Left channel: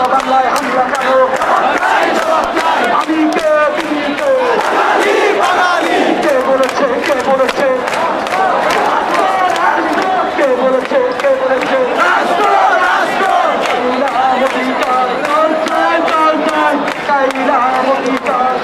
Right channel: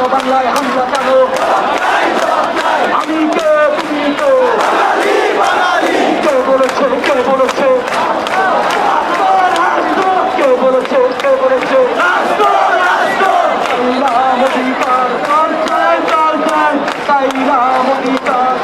আমার বাংলায় হামলা কেন আমি কে তুমি তো কে বলেছে কে বলেছে কে বলেছে কে বলেছে চাইলাম অধিকার চাইলাম অধিকার